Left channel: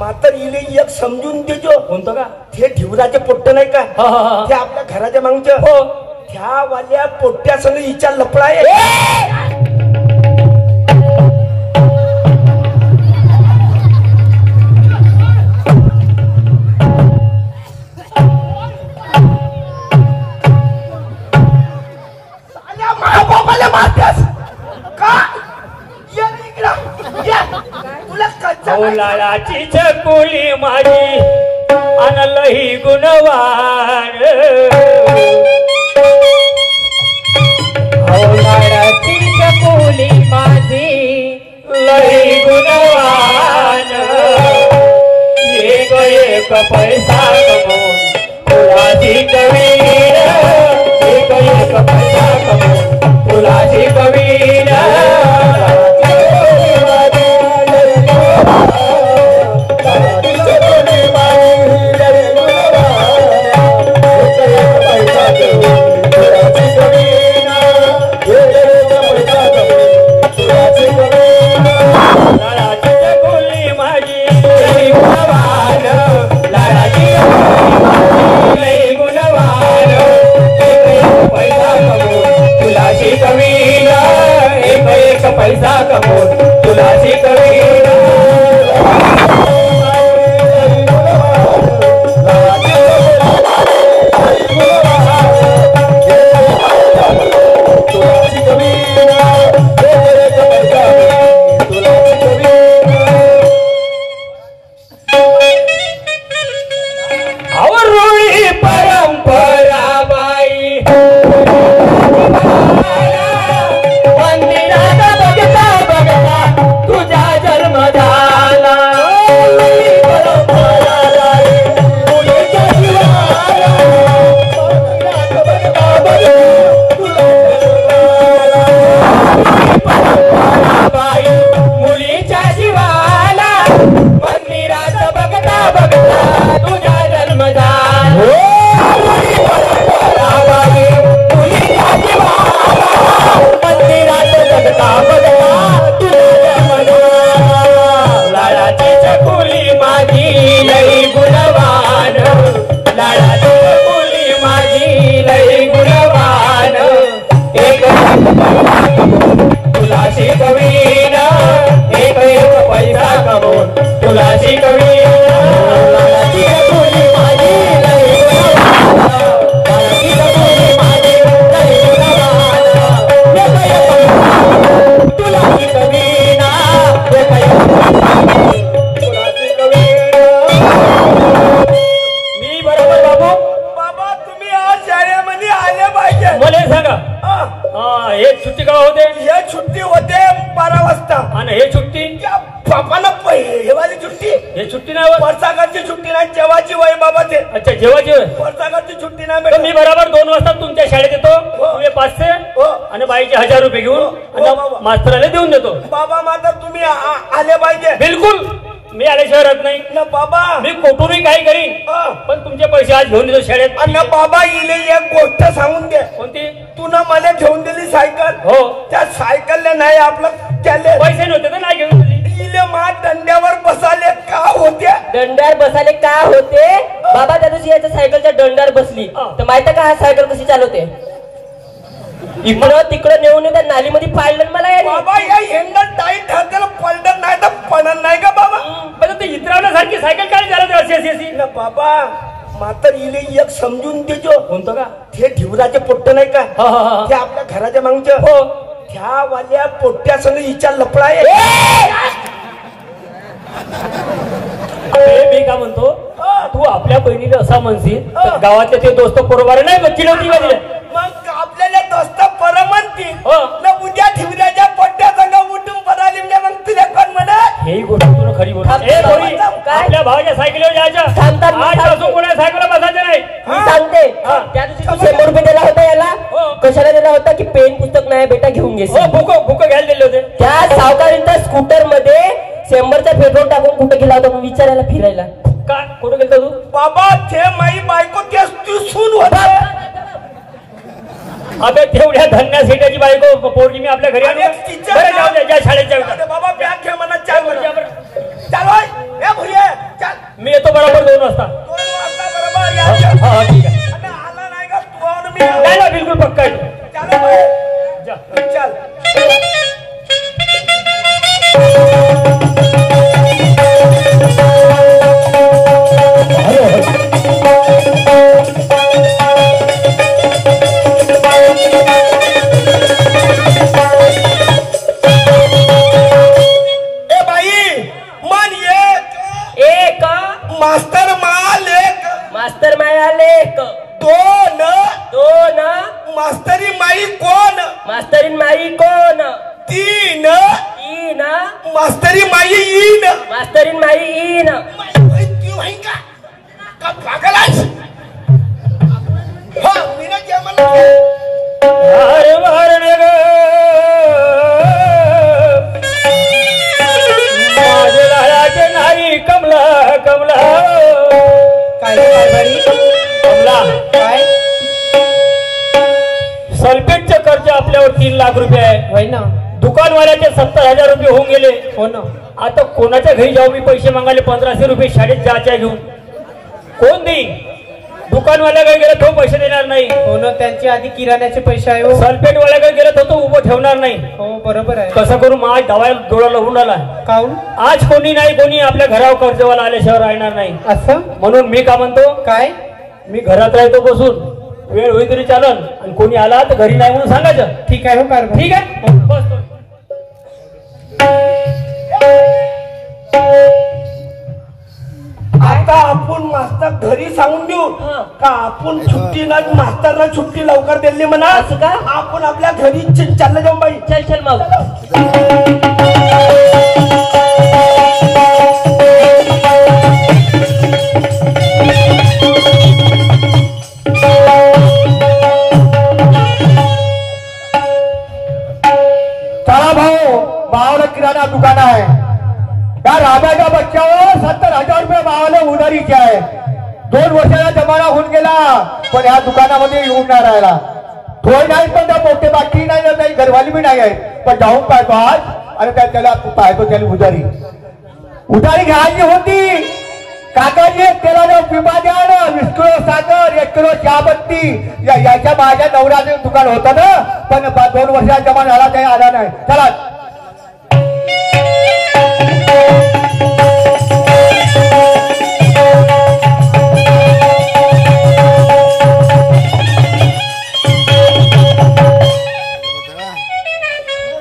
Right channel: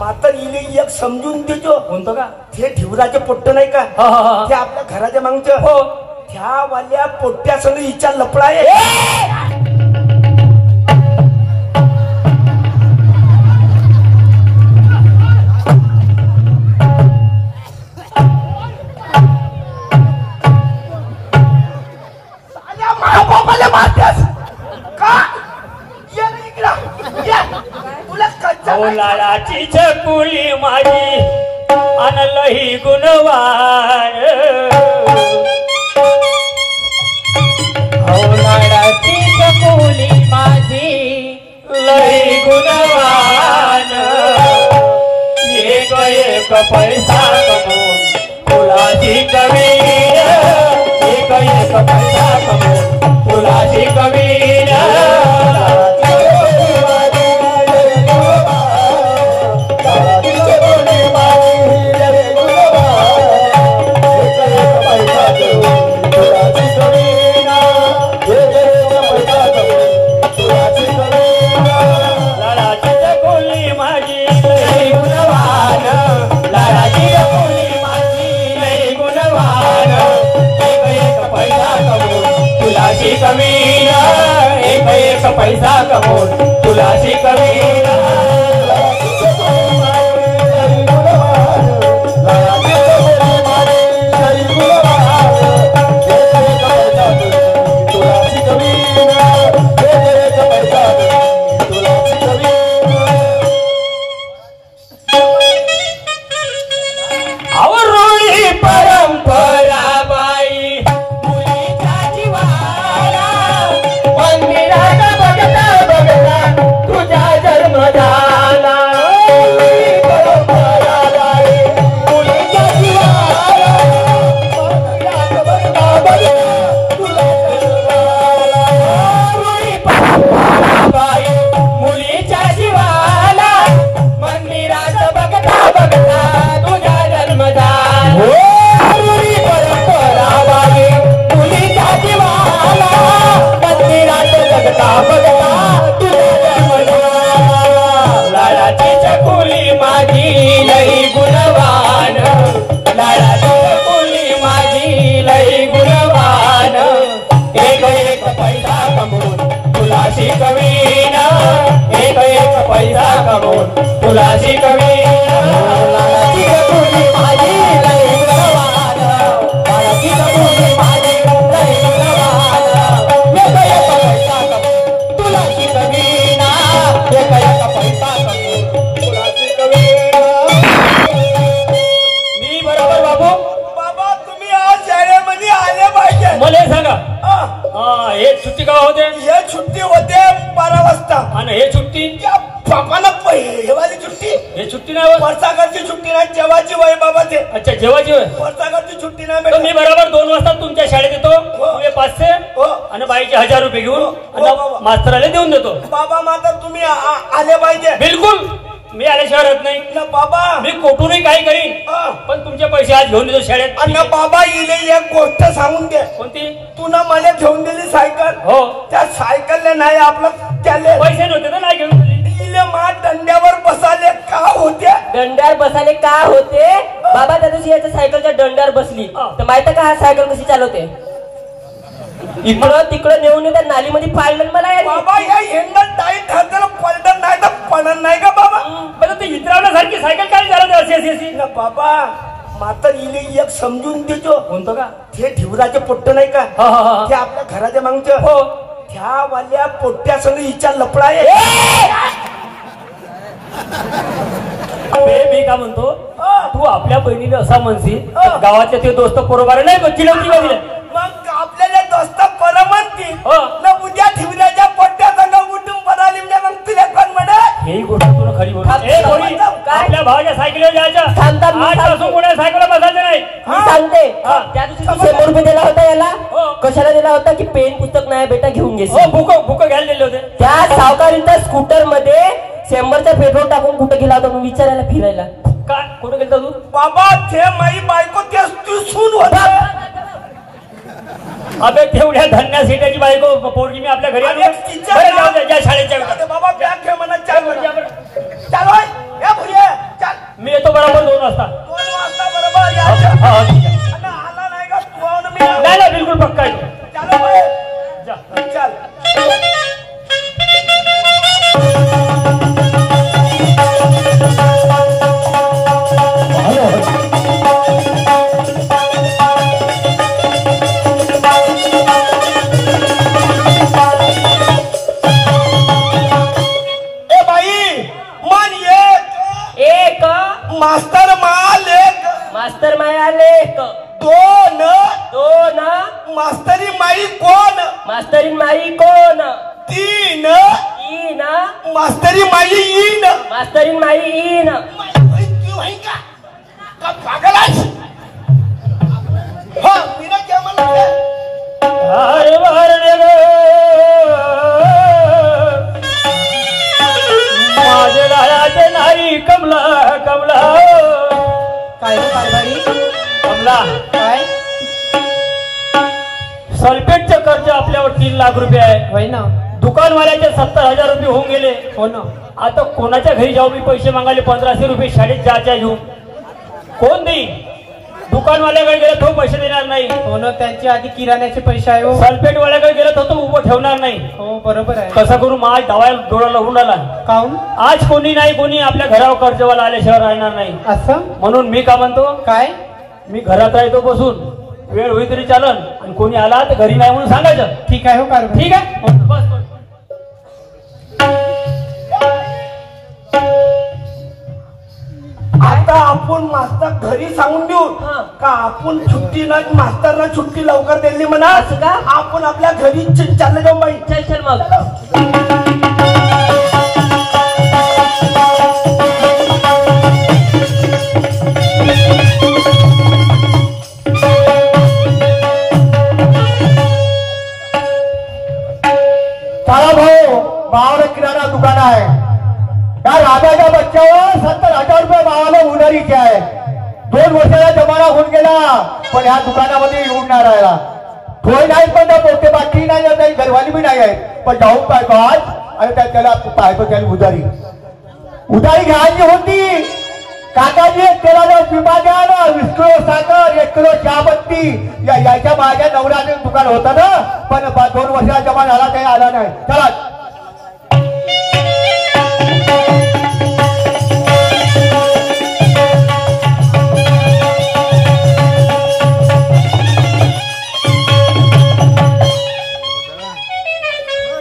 मात्र इले एक समजून देजो. कोणतं का? ते ठिवराचे पोट्ट नाही का, ते आपल्या घराच्या मागच्या हो त्या वाल्या पोट्ट्यासंग हिच्या लपडा आहे. लाडाची चकुली माझी अनलही गुणवार. लाडाची चकुली माझी लही गुणवान. एक एक पैसा कमवून तुलाची कवीर. एक एक पैसा कमवून तुलाची कवीर. पैसा कमवून तुलाची कवीरा. अच्छा जेवाची सुट्टी नाही. मी बरोबर 2 वाजता तुमच्या शाळेत येतो. तुम्ही 500 आणि बाईचे 1000 रुपये घेऊन मास्तराला देऊन देतो. बाबा मात्र तुम्ही आले पाहिजे. बिलकुल मी आल्याशिवाय राहत नाही ना बाबा. मी कोठूनही काही करीन पण तुमचे पैसे आज घेऊन देतो शाळेत. आणि बाबा इले एक गोष्ट सांगून दे. कोणती? तुला मला घेऊन दिली सायकल. हो त्या सायकलने नाही आपलं त्याले पैसे नव्हते तर नाही घेऊन दिली. दंड्यावर बसाले का होते? दंड्यावर बसाले का होते? बाबा त्या दिवशी याच्या सायकलच्या दंड्यावर बसली तर माहिती का हा सायकल कशी चालवते? इकडं तिकडं नेऊन त्या नालीमध्ये पाडलं मला. बाबा या हेंगल टाईट ठरलं पलटत नाही तर पडत नाही का बाबा? ते इतरावण्यासारखी सायकल काय झालं अशी ना बाबा. मात्र इले एक समजून देजो. कोणतं का? ते ठिवराचे पोट्ट नाही का, ते आपल्या घराच्या मागच्या हो त्या वाल्या पोट्ट्यासंग हिच्या लपडा आहे. मी काय म्हणतो तू आपल्या बहिणीला असा म्हणशील गावातले ते दोस्त बरोबर नाही का चिडवती का दिले? मग आपल्याला दोस्त पर म्हणतील ना उद्या ठिवऱ्याच्या पोट्ट्या संग उठून पडाली म्हणजे मग तुला कोण म्हणा? ही गोष्ट तुला खरी बोल. आपल्या भावाच्या सायकलीवर जायच्या आजपासून कोणा सायकलला बसायचं नाही. मी सांगते त्या दिवशी 100 रुपये दिला होता याला. कशाला दिला होता? की पेन पुस्तक नाही बेटा घेऊन घे. बुक घ्यायला दिले होते. त्या सावकारीच्या स्कूटर मध्ये 100चा पेट्रोल टाकून कुठे गेला होता विचारायला फिरायला? का कुठे गेलता तू? बाबा ते माई बायको तेच तू सून होता अबे तेवढ्या धन्या सेठाची बायको पोरगी मी आपल्या घरी आणली. बरं, जाऊ द्या, ज्या शाळेच्या बाबा बॅग घे म्हणा चाल मी येतो बरोबर 2 वाजता. 2 वाजता बरोबर या. हा, ठीक आहे. आला नाही का फोन मी नाही ना, बिलकुल पक्का आहे. चल मास्तर माया लेक 2 मास्तरी माई कोण मास्तरीन माई कोण 3 मास्तरीन माई इन का पागल आहेस हो मी ना क्या मला अरे वारणे ग माझे लालाचे नारी कमला कमला काय कमला काय सल्फेटचं कर्ज आपल्यावर 3 लाख रुपये आहे. होय ना. दुकानवाल्याचे 70,000 रुपये होऊन गेले. हो ना. आता कोणाच्या घरी जाऊ मी पैसे मागायले 1500 रुपये शाळेत जायच्या घेऊन कोण देईल? दुकानवाल्याकडे गेला तो पैसे देणार नाही. हो ना, त्यांची आधी किराण्याचे पैसे आहे. सल्फेटवाल्याकडे गेला तो उभं ठेवणार नाही. हो बरोबर आहे. कसं करू माझ दवाई डोळा लावून आला. काऊन? आज कोणी नाही कोणी आपल्या घरावर कर्जवाला आल्याशिवाय राहणार नाही. असं म्हणून मी का म्हणतो काय मी घरात राहतो बसून वेळ होई तरी चालन आणि कोणी आला तर घरी नाही म्हणून सांगायचं. ठीक आहे. हो कारभारी. ठीक आहे बस बस. आता आपण मास्तर घरी सांगून देऊ का आपण सुट्टी नाही मास्तरना सुट्टी लवकर दिली म्हणा. असं का? आपण आपल्या घरी चाललं जाऊ बाई. चल मग. चला भाऊ भावाला किराणा दुकान आहे. त्या राजाच्या बच्च्यावर 70,000 रुपये भावाला उधारीचे आहे. 2 वर्षाचा जमाना होऊन गेला पण ह्या दुकानामध्ये येऊन नाही राहिला. थोडी नाही पण त्या पोटे बाकी नाही काही घरवाली बी नाही आहे. पण जाऊन पाहतो आज आणि त्याला पाहतो त्याला उधारी घ्यायची होती. काकाजी तेलाचा पिपा द्या ना. 20 किलो साखर 1 किलो चहापत्ती याच्या माझ्या नवऱ्याचं दुकान होतं ना. पण 2 वर्षाचा जमा झाला काही आला नाही. चला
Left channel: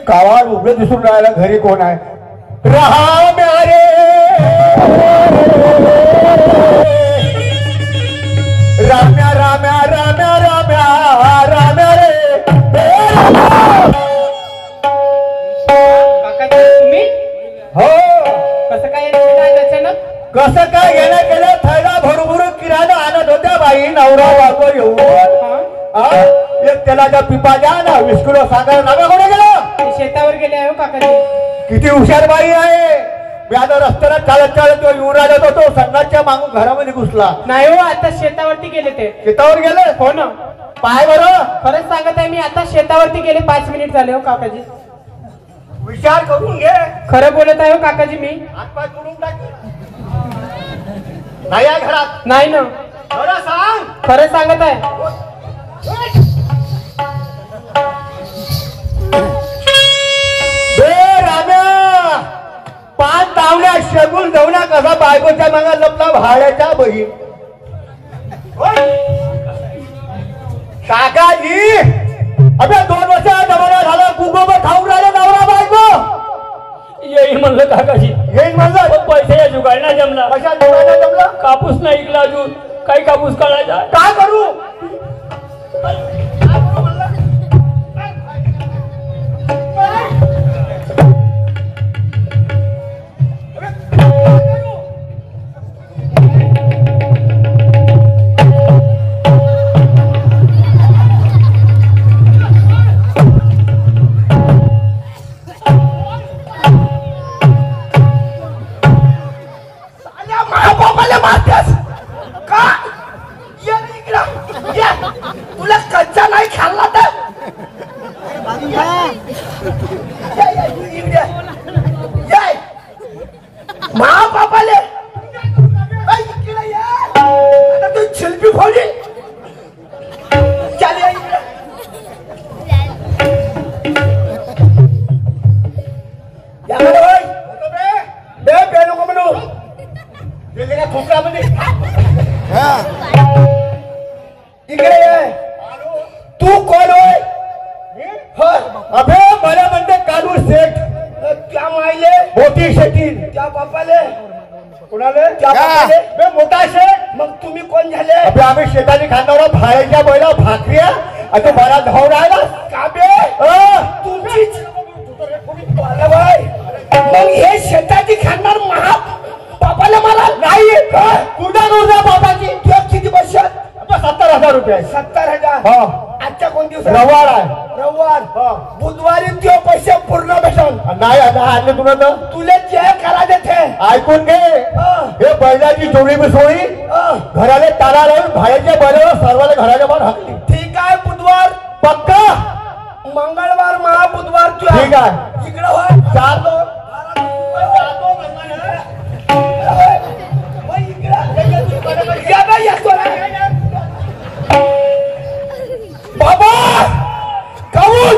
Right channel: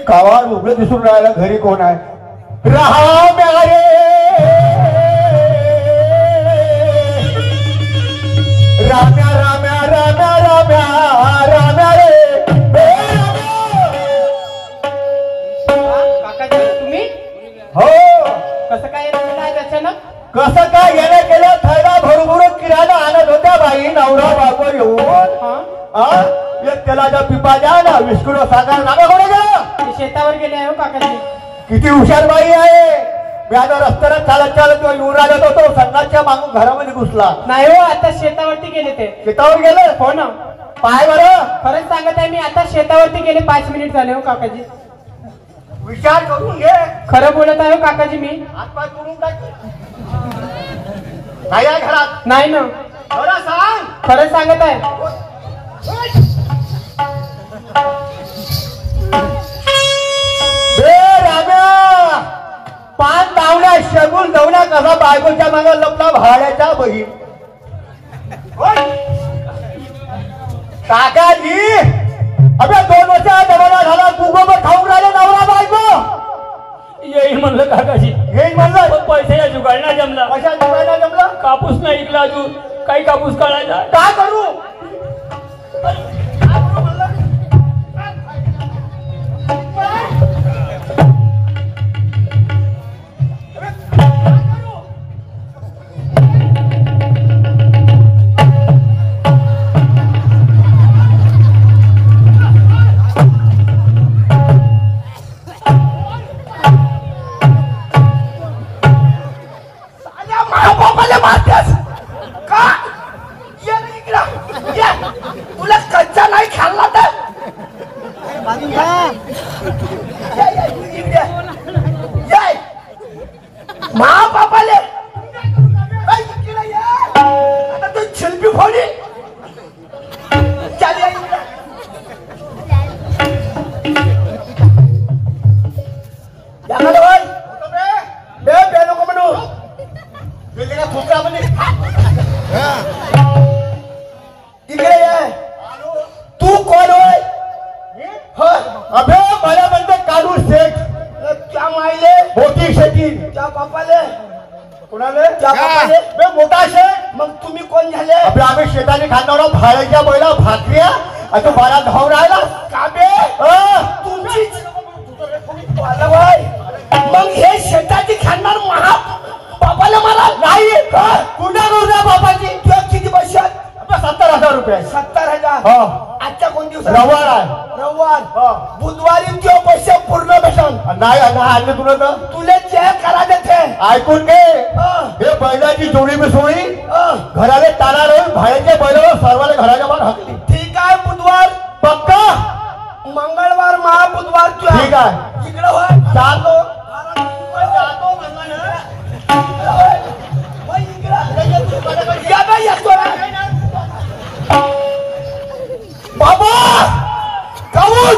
गावात उघडं दिसून राहिलं घरी कोण आहे. रहा म्यारे राम्या राम्या राम्या राम्या राम्या रे. काकाजी तुम्ही हो कसं काय अचानक? कसं काय घेणं केलं. थैला भरभरून किराणा आणत होत्या बाई नवरा बायको येऊन. एक तेलाचा पिपा द्या ना. 20 किलो साखर नागा कोणी गेलं. शेतावर गेले आहे. हो काकाजी किती हुशार बाई आहे. मी आता रस्त्याला चालत चालत येऊन राहिला होतो. संघाच्या मागून घरामध्ये घुसला. नाही हो, आता शेतावरती गेले ते. शेतावर गेलं. हो ना. पाय बरं. खरंच सांगत आहे मी, आता शेतावरती गेले 5 मिनिट झाले. हो काकाजी विचार करून घे. खरं बोलत आहे. हो काकाजी मी हातपाय करून टाक. नाही आहे घरात. नाही ना. बरं सांग. खरं सांगत आहे. राम्या 5 धावण्या शगुल धावण्या कसा बायकोच्या मागे लपला भाड्याचा बहीण. काकाजी अबे 2 वर्षाचा जमाना झाला. गुगोबर खाऊन राहिला नवरा बायको. येईल म्हणलं काकाजी. हे म्हणलं पैसे जुगाड नाही जमला. कशा जुगायला जमलं. कापूस नाही ऐकला अजून. काही कापूस काढायचा काय करू. माझ्या बापाला मारतेस का? ये इकडं. शिल्पी फौजी चाल या इकडे. याकडे होय बे बे नको म्हणू गेलेला खोकल्यामध्ये इकडे ये. तू कोण होय? अबे मला म्हणते कालू शेठ. त्या मायले मोठी शेती. त्या बापाले कुणाले? त्या बापाले बे मोठा शेठ. मग तुम्ही कोण झाले? अबे आम्ही शेताने खाणार भाड्याच्या बैला भाकऱ्या आणि तू मला धाव राहिला का बे? तुमचीच मग हे शेताची खाणार महा बापाला मला नाही. कुठं गुरुदा बाबाची किती बसत? 70,000 रुपये. 70,000. हो. आजच्या कोण दिवस? रविवार आहे. रविवार. हो. बुधवारी तो पैसे पूर्ण भेटन. नाही आणले तुला तर तुले जे करा देते ऐकून घे. हे बैलाची जोडी मिसळी घराले ताला लावून बाहेरच्या बैलाला सर्वांना घराच्या बाहेर हाकली. ठीक आहे. बुधवार पक्का. मंगळवार महाबुधवार ठीक आहे. इकडे होय चालतो. बाबा काऊन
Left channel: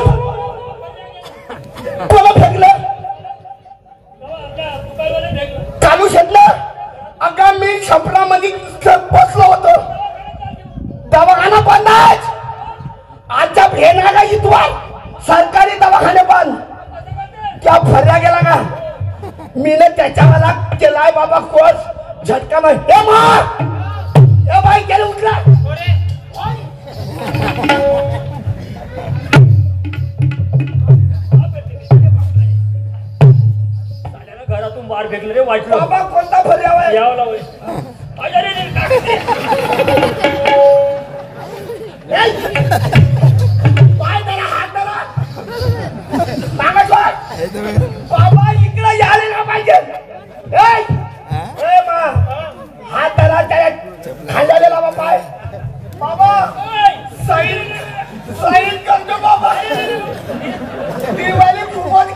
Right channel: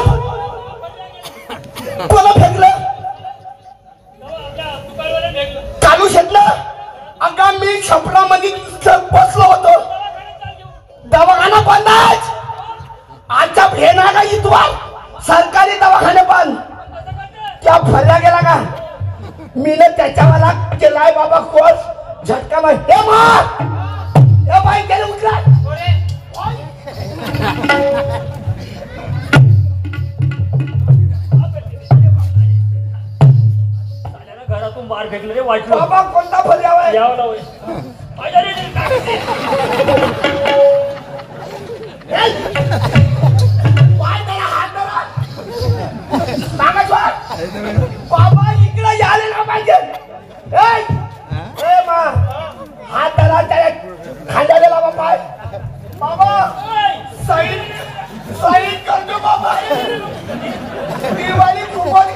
कोणा फेकलं? चालू शकलं. अगा मी छपरामध्ये बसलो होतो. दवाखाना बंद आहे आजचा भेन आहे का इथवर? सरकारी दवाखाने बंद. त्या फर्या गेला का? मी ना त्याच्यावाला केलाय बाबा कोर्स झटका नाही. हे बाई गेले उठला. घरातून बाहेर फेकले रे वाटलं. बाबा कोणता फर्या आहे? यावला होय. बाबा इकडे यायला ना पाहिजे. हात धरा त्या खांद्याला बाबा. बाबा साईड करतो बाबा. दिवाळी खूपच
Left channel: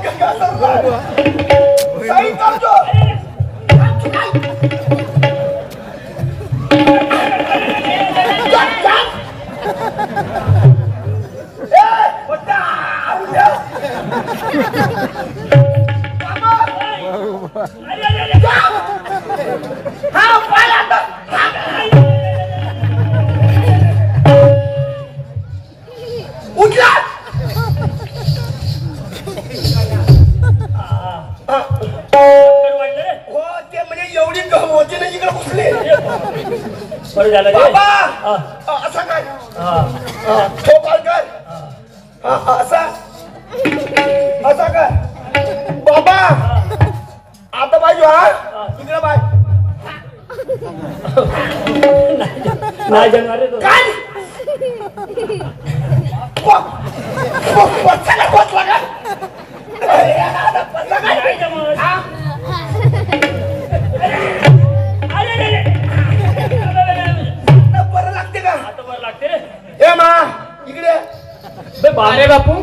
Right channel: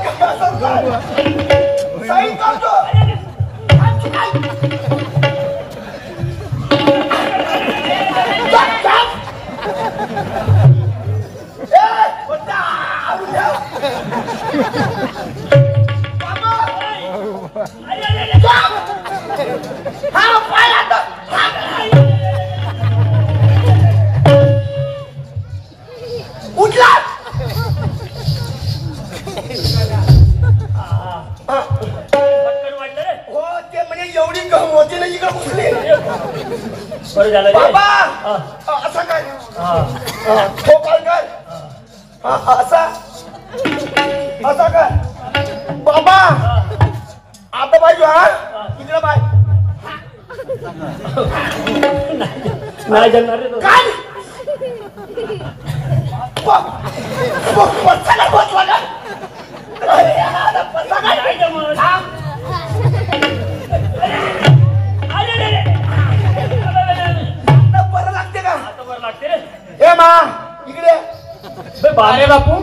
साईड करतो. बरं झालं रे. बाबा असं काय ठोकाल कर असा असा कर बाबा. आता पाहिजे हा इकडे बाय नाही जमणार रे. काय बसला का? नाही जमणार. बरं लागते का? आता बरं लागते रे. ए मा इकडे. अरे बापू.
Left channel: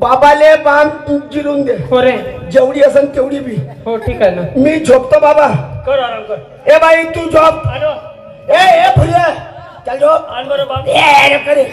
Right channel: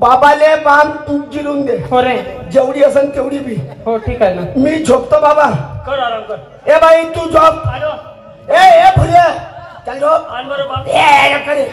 बाबाले बाम जिरून दे. हो रे. जेवढी असेल तेवढी बी. हो ठीक आहे ना. मी झोपतो बाबा. कर आराम कर. ए बाई तू झोप. आलो. ए फुले चल झोप. आण बरं बाप. ए करे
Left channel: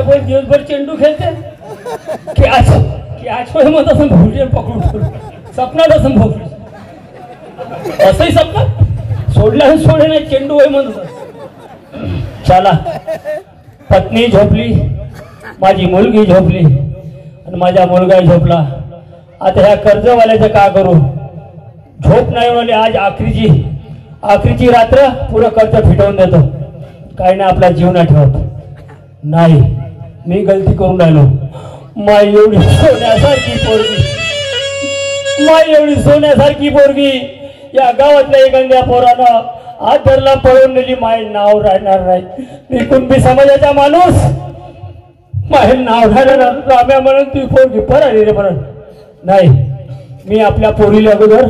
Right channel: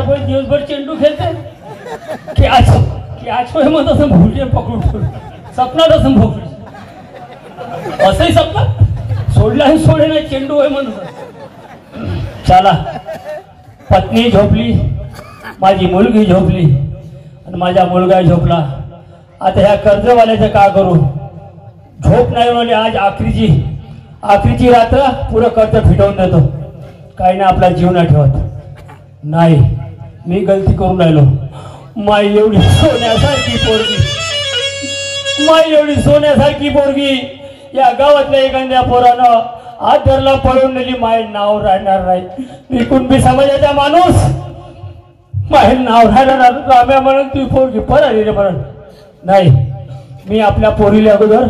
पण दिवसभर चेंडू खेळते की आज मग असं भोवले पकडून सपनात असं भोवले असंही सपनात सोडला सोडे नाही चेंडू आहे म्हणून. चला पत्नी झोपली, माझी मुलगी झोपली आणि माझा मुलगा झोपला. आता ह्या कर्जवाल्याचं का करू? झोप नाही म्हणले आज आखरीची आखरीची रात्र पुरं कर्ज फिटवून देतो. काय नाही आपला जीव नाही ठेवत. नाही, मी गलती करून राहिलो. माय एवढी सोन्यासारखी पोरगी, माय एवढी सोन्यासारखी पोरगी या गावातल्या एखाद्या पोरानं हात धरला पळून नेली. माय नाव राहणार नाही. मी कुणबी समाजाचा माणूस, माय नाव राहणार राम्या म्हणून ती पोरगी पळाली रे म्हणून. नाही, मी आपल्या पोरीला अगोदर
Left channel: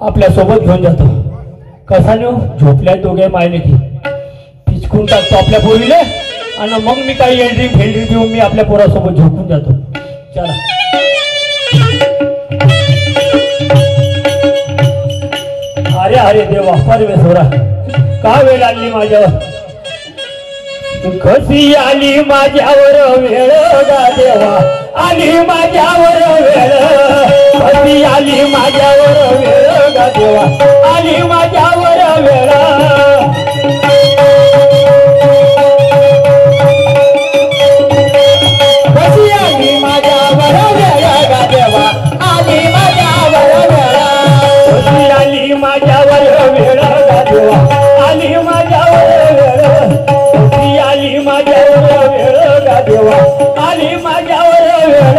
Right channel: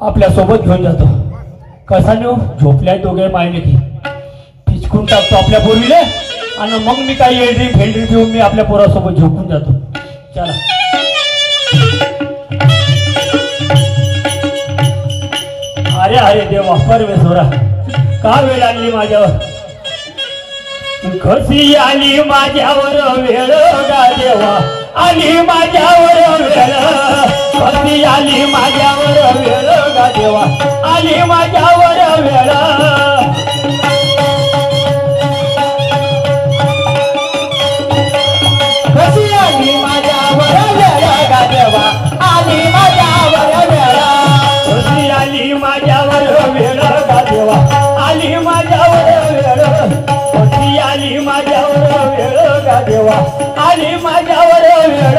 आपल्या सोबत घेऊन जातो. कसा नेऊ? झोपल्या दोघे मायने की पिचकून टाकतो आपल्या पोरीले आणि मग मी काही एंट्री फेंट्री देऊन मी आपल्या पोरासोबत झोपून जातो. चला. अरे अरे देवा, परमेश्वरा, का वेळ आली माझ्यावर? कशी आली माझ्यावर वेळ गा देवा, आली माझ्यावर वेळ. कशी आली माझ्यावर वेळ गा देवा, आली माझ्यावर वेळ. कशी आली माझ्यावर वेळ गा देवा, आली माझ्यावर वेळ. कशी आली माझ्यावर वेळ गा देवा, आली माझ्यावर वेळ. कशी आली माझ्यावर वेळ गा देवा, आली माझ्यावर वेळ.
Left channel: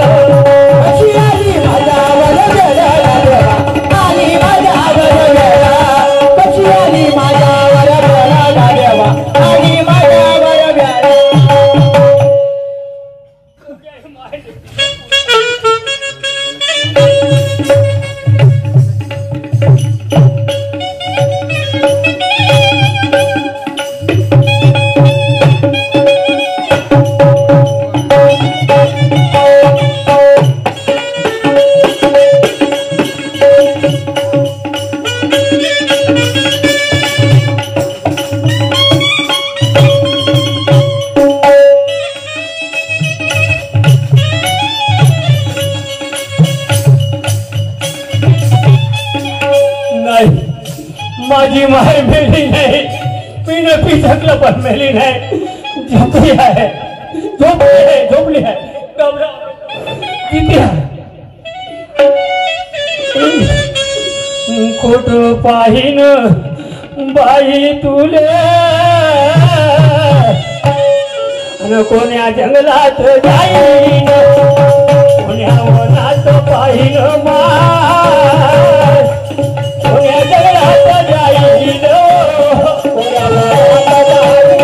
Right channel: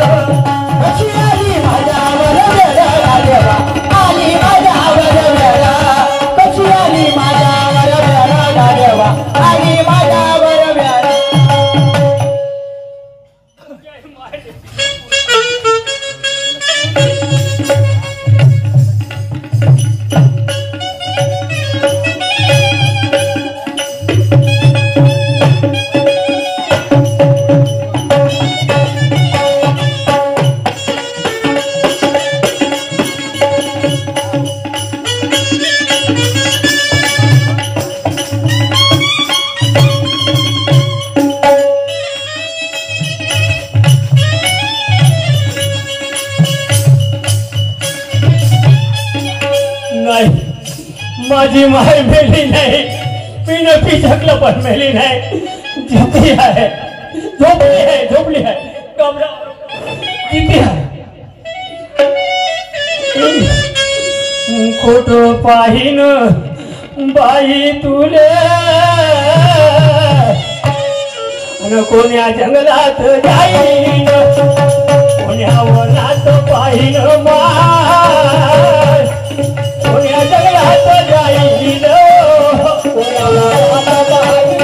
कशी आली माझ्यावर वेळ गा देवा, आली माझ्यावर वेळ. कशी आली माझ्यावर वेळ गा देवा, आली माझ्यावर वेळ. माझी माय मेली नाही, मी न पिचकलं पण मेली नाही. जिती आहे, झोपली आहे, झोपली आहे. जिती आहे. खोट पाहिन बाई तुले, कोण्या जंगलात जाईन, कोण्या वनात पाहिन माय, कोण्या जंगलात जाईन, कोण्या वनात जाईन.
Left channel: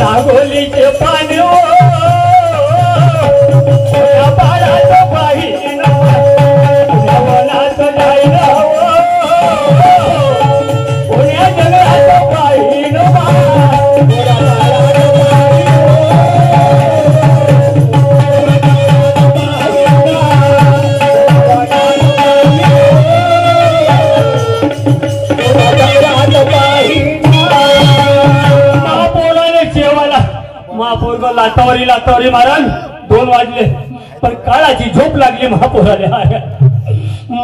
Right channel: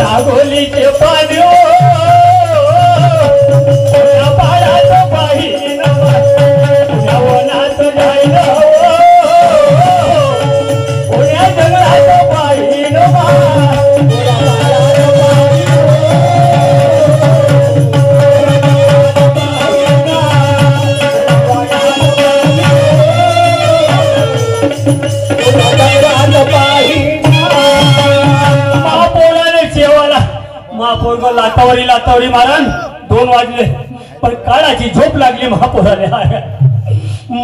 नागोलीचे पाणी महापौर लातावरी लातावरी मारण 2 वाजले पण काळाची झोप लागली महापौराला.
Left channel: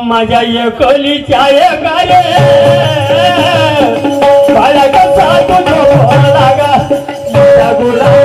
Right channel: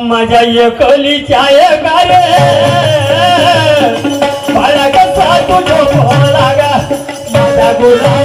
माझ्या एकलीच्या गारे बाळा कसा तो झोप लागा, माझा गुलाब